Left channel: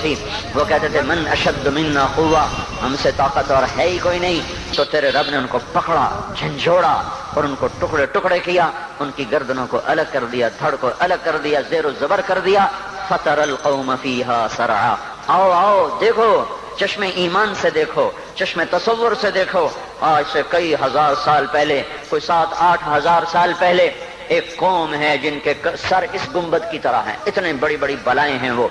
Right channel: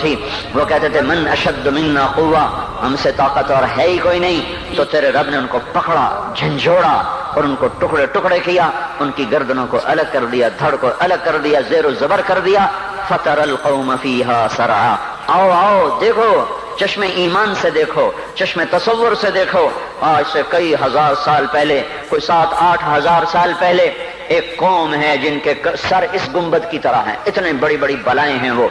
تھی وہ کہتے تھے من اشد منا قوہ، ہم سے طاقتور ہے ہی کوئی نہیں. تو تیرے رب نے ان کو پکڑا، جھنجھوڑا اور ان کو ٹکڑے ٹکڑے کیا، ان کی گردنوں کو الگ کر دیا، دھڑ کو الگ کر دیا، زیر و زبر کر دیا. فَتَرَ الْقَوْمَ فِيهَا سَرْعَا. آؤ آؤ دیکھو، چشم ایمان سے دیکھو، چشم تصور سے دیکھو. آج سے کئی ہزار سال پہلے، کوئی 7-8 ہزار سال پہلے ایک قوم ہے جن کے سر اس گنبد کی طرح ہیں، اتنے بڑی بڑی بلائیں ہیں وہ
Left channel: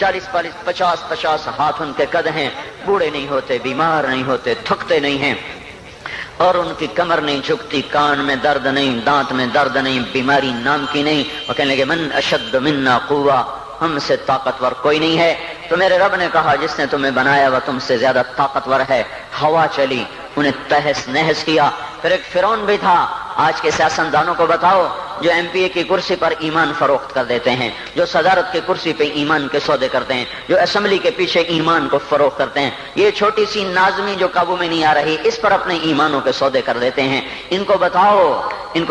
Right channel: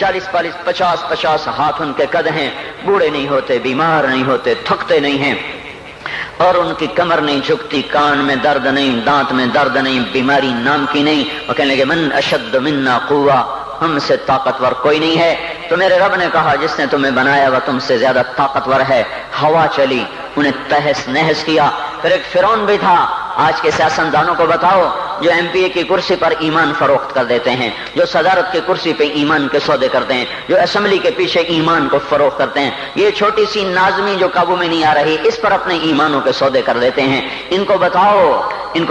40-50 ہاتھ ان کے قد ہیں، بوڑھے نہیں ہوتے، بیمار نہیں ہوتے، تھکتے نہیں ہیں، اور ان کی کمر نہیں جھکتی، کان میں درد نہیں، دانت میں درد نہیں، بیماری نام کی نہیں. وہ کہنے لگے من اشد منا قوہ، ہم سے طاقتور کوئی نہیں ہے. تو میرے رب نے کہا جس نے تمہیں بنایا وہ تم سے زیادہ طاقتور ہے. ہوا چلی، انہیں تہس نہس کیا. پھر ایک فرعون بھی تھا. آج کے سیاستدانوں کو بتاؤ جو ایم پی اے کی کرسی پر ایمان فروخت کر دیتے ہیں، جو صدارت کی کرسی پہ ایمان کے سودے کرتے ہیں، جو اسمبلی کے پیچھے ایمان کو فروخت کرتے ہیں، یہ چھوٹی سی نازنی جو قابو میں نہیں آ رہی اس پر اپنے ایمانوں کے سودے کر دیتے ہیں. ان کو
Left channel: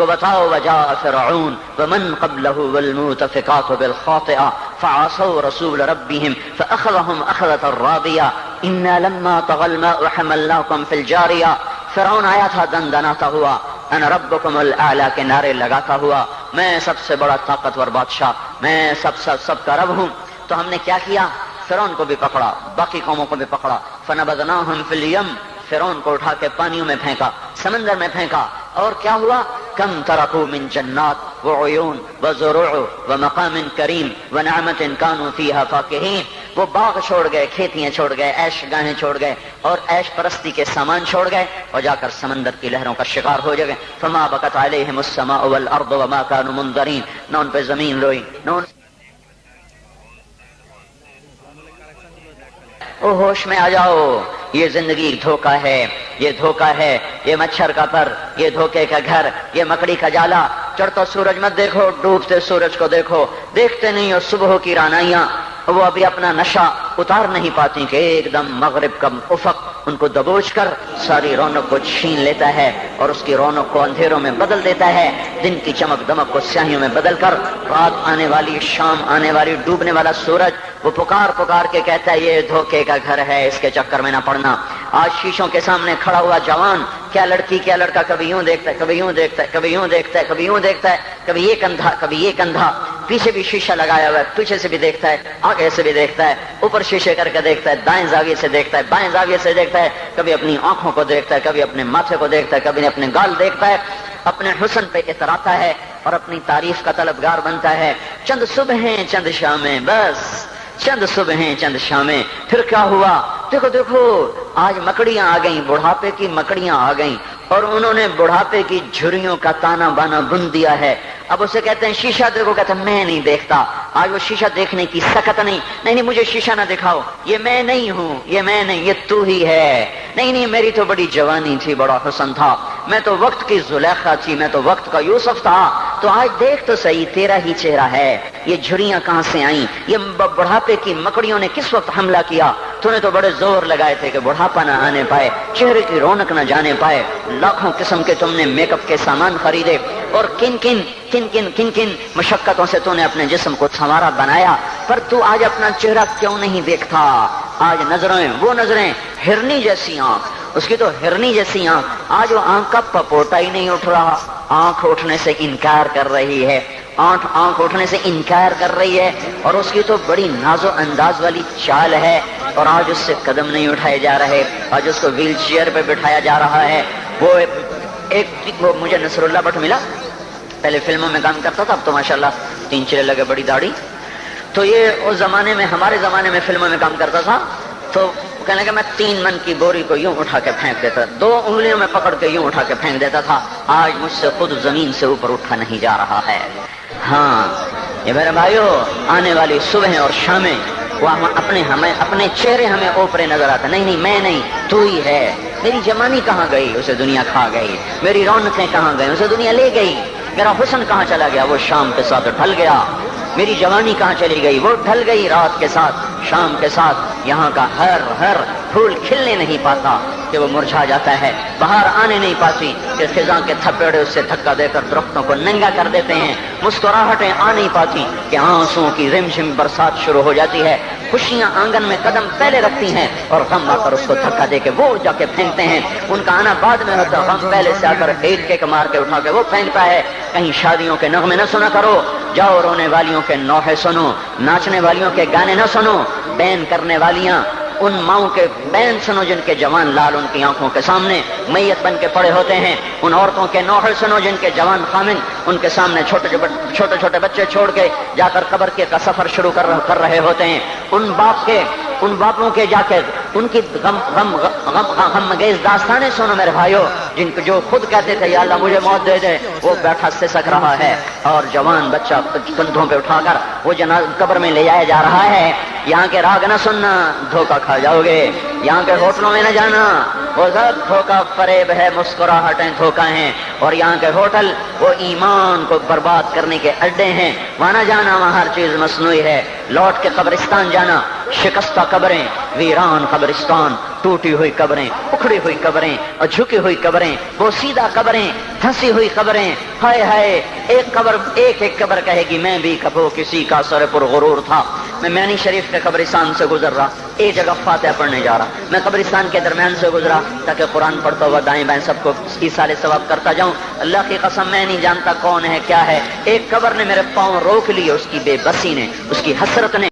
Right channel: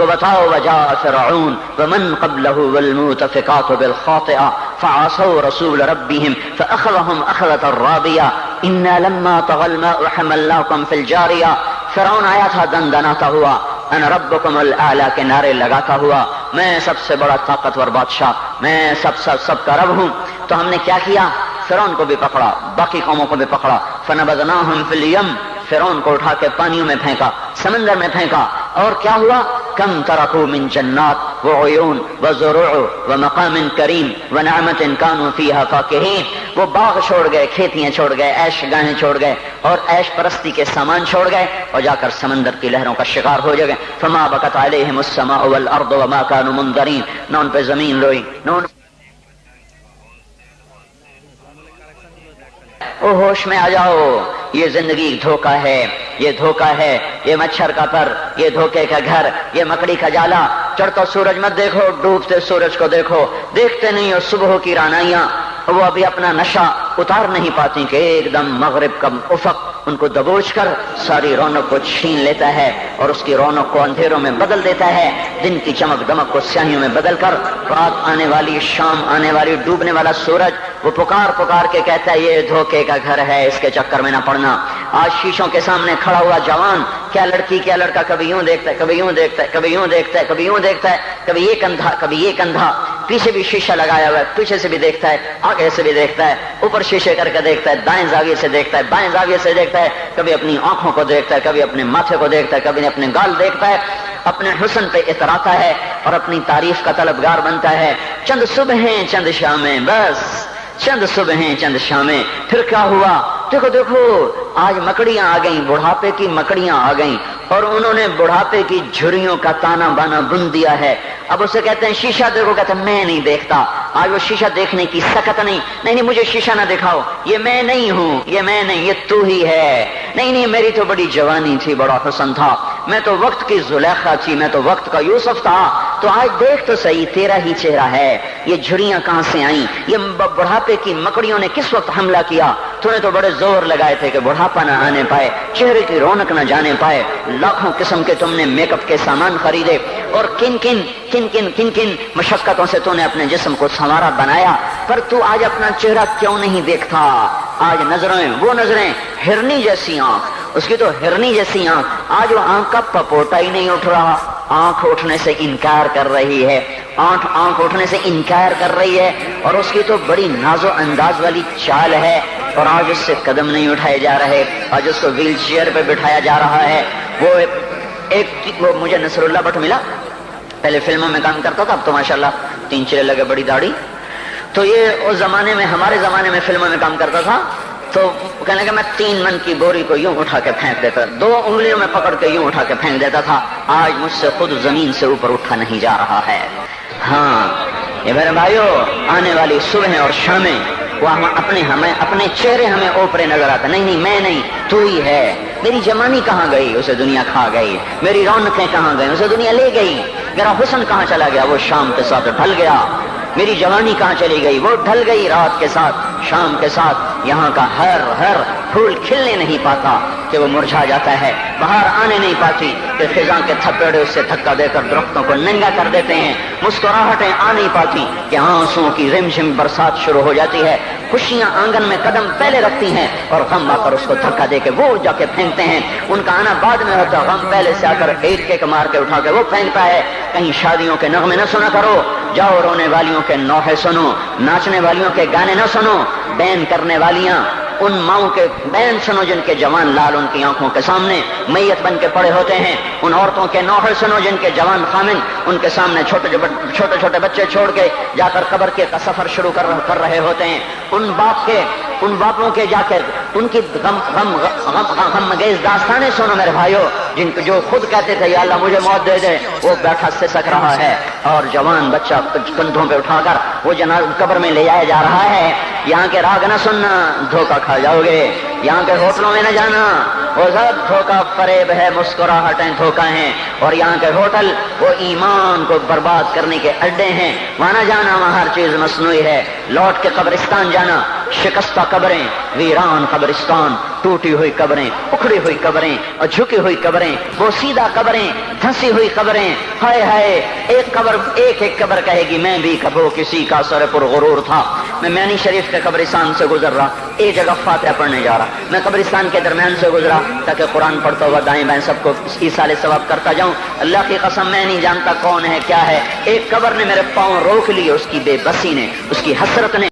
بتاؤ وجاء فرعون ومن قبله والمؤتفقات بالخاطئة فعصوا رسول ربهم فأخذهم أخذة رابية إنا لما طغى الماء حملناكم في الجارية. فرعون آیا تھا دندناتا ہوا، انا ربکم الاعلی کے نعرے لگاتا ہوا، میں سب سے بڑا طاقتور بادشاہ، میں سب کا رب ہوں. تو ہم نے کیا کیا؟ فرعون کو بھی پکڑا، باقی قوموں کو بھی پکڑا. فنبذناہم فی الیم، فرعون کو اٹھا کے پانیوں میں پھینکا، سمندر میں پھینکا. اور کیا ہوا؟ کم ترکوا من جنات وعیون وزروع ومقام کریم ونعمت کانوا فیہا فاکہین. وہ باغ چھوڑ گئے، کھیتیاں چھوڑ گئے، عیش گاہیں چھوڑ گئے اور عیش پرستی کے سامان چھوڑ گئے اور جا کر سمندر کی لہروں کا شکار ہو گئے. فما بکت علیہم السماء والارض وما كانوا منذرین. نہ ان پہ زمین روئی، نہ ان او ہوش میں آ جاؤ، یہ زندگی دھوکہ ہے، یہ دھوکہ ہے، یہ مچھر کا پر، یہ دھوکے کا گھر، یہ مکڑی کا جالا. چڑھتا سورج مت دیکھو، ڈوبتے سورج کو دیکھو. دیکھتے نہیں اور صبح کی رعنائیاں وہ ابھی اپنا نشہ اتار نہیں پاتی کہ ایک دم مغرب کا افق ان کو دبوچ کر ساری رونق کو چھین لیتا ہے اور اس کی رونق کو اندھیروں میں بدل دیتا ہے، دن کی چمک دمک کو سیاہیوں میں بدل کر رات آنے والی، شام آنے والی، ڈوبنے والا سورج وہ پکار پکار کے کہتا ہے یہ دھوکے کا گھر ہے، اس کے چکر میں نہ پڑنا. آج شیشوں کے سامنے کھڑا ہوا جوان، کیا لڑکی کیا لڑکا، کبھی یوں دیکھتا ہے، کبھی یوں دیکھتا ہے، کبھی یوں دیکھتا ہے، کبھی یوں دیکھتا ہے، کبھی یہ کندھا، کبھی یہ کندھا، پیچھے بھی شیشہ لگایا ہوا ہے، پیچھے سے بھی دیکھتا ہے، آگے سے بھی دیکھتا ہے، اوپر شیشے کر کے دیکھتا ہے، دائیں زاویے سے دیکھتا ہے، بائیں زاویے سے دیکھتا ہے، کبھی اپنی آنکھوں کو دیکھتا ہے، کبھی اپنے ماتھے کو دیکھتا ہے، کبھی اپنے گال دیکھتا ہے، اپنے حسن پہ اتراتا ہے اور اپنی تعریف کا طلبگار بنتا ہے. چند صبحیں چند شامیں، بس چند صبحیں چند شامیں. پھر کیا ہوا؟ دیکھو آج مکڑیاں آ گئیں، بڑھاپے کی مکڑیاں آ گئیں اور انہوں نے بڑھاپے کی جھریوں کا تانا بانا بن دیا ہے. اب اسے کہتے ہیں شیشہ دیکھو گا تو میں نہیں دیکھتا. آج وہ شیشہ دیکھنے کی سکت نہیں مجھے شیشہ نہ دکھاؤ، یہ میں نہیں ہوں، یہ میں نہیں، یہ تو ہی ہے. نہیں میری تو بڑی جوانی تھی، بڑا حسن تھا، میں تو وقت کی زلیخا تھی، میں تو وقت کا یوسف تھا. تو آج دیکھ تو صحیح، تیرا ہی چہرہ ہے. یہ جھریاں کہاں سے آئیں؟ یہ بڑھاپے کی مکڑیوں نے کس وقت حملہ کیا؟ تو نے تو بڑے زور لگائے تھے کہ بڑھاپا نہ آنے پائے، چہرے کی رونق نہ جانے پائے. لاکھوں قسم کے تم نے میک اپ کے سامان خریدے اور کن کن مشقتوں سے تو نے اپنے جسم کو سنوارا بنایا، پر تو آج اپنا چہرہ کیوں نہیں دیکھتا؟ آج نظریں، وہ نظریں، ہرنی جیسی آنکھ، اس کی تو ہرنی جیسی آنکھ، آج وہ آنکھ کا پپوٹا ہی نہیں اٹھ رہا. آنکھ اٹھنے سے انکار کر رہی ہے، آنکھ اٹھنے سے انکار کر رہی ہے اور اس کی تو بڑی ناز و انداز والی چال ہے اور آج اس سے قدم نہیں اٹھائے جا رہے. آج اس کو ویل چیئر پہ بٹھایا جا رہا ہے. وہ مجھے نصر اللہ بٹ ملا، پہلے فلموں میں کام کرتا تھا، اب تو ماشاءاللہ 3 چلے لگے، بڑی داڑھی. تو یہ اس زمانے میں، ہمارے زمانے میں فلموں میں کام کرتا تھا. تو کہنے لگا میں 3 من کی بوری کو یوں اٹھا کے پھینک دیتا، 2 انگلیوں میں پکڑ کے یوں اٹھا کے پھینک دیتا تھا. آج مجھ سے خود زمین سے اوپر اٹھا نہیں جا رہا ہے. ہاں یہ میرے بھائیو، آنے والی صبح اور شامیں وہ اپنے چہرے ہمیں اوپرے نظر آتا. نہیں میں نہیں، تو ہی ہے. میری جوانی کہاں گئی؟ اسے دنیا کھا گئی. میری رونقیں کہاں گئی؟ اسے دنیا لے گئی. میرا حسن کہاں چلا گیا؟ وہ شام کے ساتھ ڈھل گیا. میری جوانی کہاں چلی گئی؟ وہ ڈھل گئی رات کے ساتھ، شام کے ساتھ. یہاں کا ہر پھول کھلنے نہیں پاتا کہ وہ مرجھا جاتا ہے، باہر آنے نہیں پاتی کہ خزاں کے تھپیڑے سے دھکا دے کر درختوں کو ننگا کر دیتے ہیں، مسکراہٹیں آ نہیں پاتی کہ آنسوؤں کی رم جھم برسات شروع ہو جاتی ہے، خوشیاں آنگن میں قدم پہلے رکھتی ہیں اور غم آ کر اس کو دھکا دے کے وہ جا کے پھینکتے ہیں، ان کا آنا بعد میں ہوتا ہے، غم پہلے سے آ کر ایک مار کے اٹھا کے وہ پھینکتا ہے۔ کہیں شادیوں کے نغمے نہ سنا کرو، جاؤ رونے والیوں کے نوحے سنو، ناچنے والیوں کے گانے نہ سنو، بین کرنے والیاں ان ماؤں کے بین سنو جن کے جوان لال ان کی آنکھوں کے سامنے میت بن کے پڑے ہوتے ہیں، ان عورتوں کے نوحے سنو جن کے جوان خامن ان کے سامنے چھوٹے چھوٹے بچے چھوڑ کے جا کر قبر کے کا سفر شروع کر رہے ہوتے ہیں، ان باپوں کے جا کر ان کی غم گیز داستانیں سنو میرے بھائیو، جن کے جو خود کہتے تھے یا اللہ مجھے موت دے دے، وہ بیٹھا سسک رہا ہے اور جوان بچہ کندھوں پہ اٹھا کر وہ قبر میں لے جایا جا رہا ہے۔ یہاں کے راگ نہ سننا، دھوکہ کھا جاؤ گے، یہاں کے ہوٹلوں میں نہ جانا، وہ سب دھوکہ فریب ہے، مسکراہٹیں دھوکہ ہیں، اور یہاں کے ہوٹل وہ ایمان کو برباد کرنے کے اڈے ہیں، وہاں نہ جانا، وہاں ہر چیز مصنوعی ہے۔ لوٹ کے قبرستان جانا، شکستہ قبریں، ویران قبرستان، ٹوٹی ہوئی قبریں، اکھڑی ہوئی قبریں اور جھکی ہوئی قبریں، وہ سیدھا قبریں، دھنسی ہوئی قبریں، ہائے ہائے، ایک قبر کہے گی میں بھی کبھی کسی کا سر پر غرور تھا۔ میں مینی شریف کے قبرستان سے گزر رہا، ایک جگہ فاتحہ پڑھنے جا رہا، میں قبرستان کے درمیان سے گزرا تاکہ قرآن پڑھتا ہوا دائیں بائیں سب کو ایصال ثواب کرتا جاؤں۔ اللہ کی قسم میں نہیں جانتا کون ہے کیا ہے، ایک قبر نے میرے پاؤں روک لیے، اس کی بے بسی نے، اس کی حسرت نے